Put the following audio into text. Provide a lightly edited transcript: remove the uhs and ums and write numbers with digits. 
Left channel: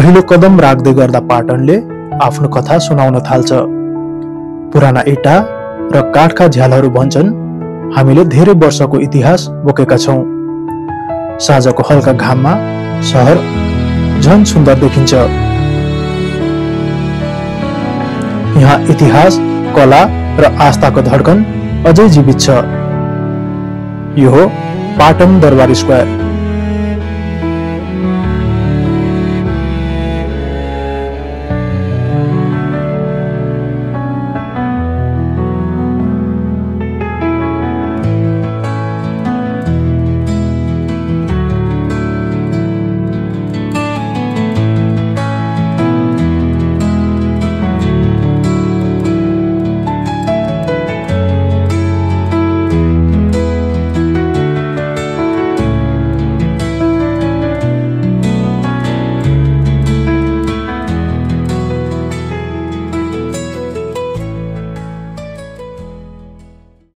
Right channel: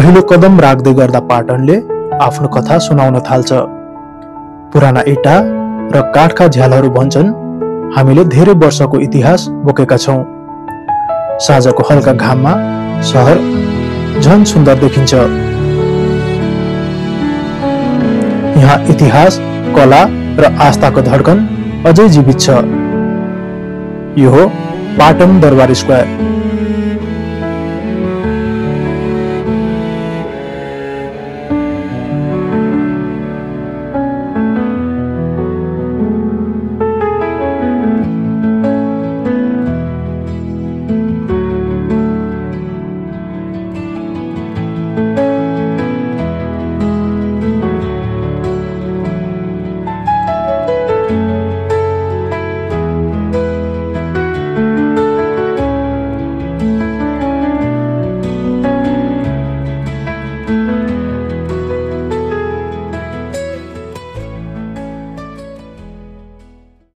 पहिलो कदम राख्दै गर्दा पाटनले आफ्नो कथा सुनाउन थाल्छ। पुराना इटा र काठका झ्यालहरू भन्छन्, हामीले धेरै वर्षको इतिहास बोकेका छौं। साँझको हल्का घाममा शहर झन सुन्दर देखिन्छ। यहाँ इतिहास, कला र आस्थाको धड्कन अझै जीवित छ। यो हो पाटन दरबार स्क्वायर।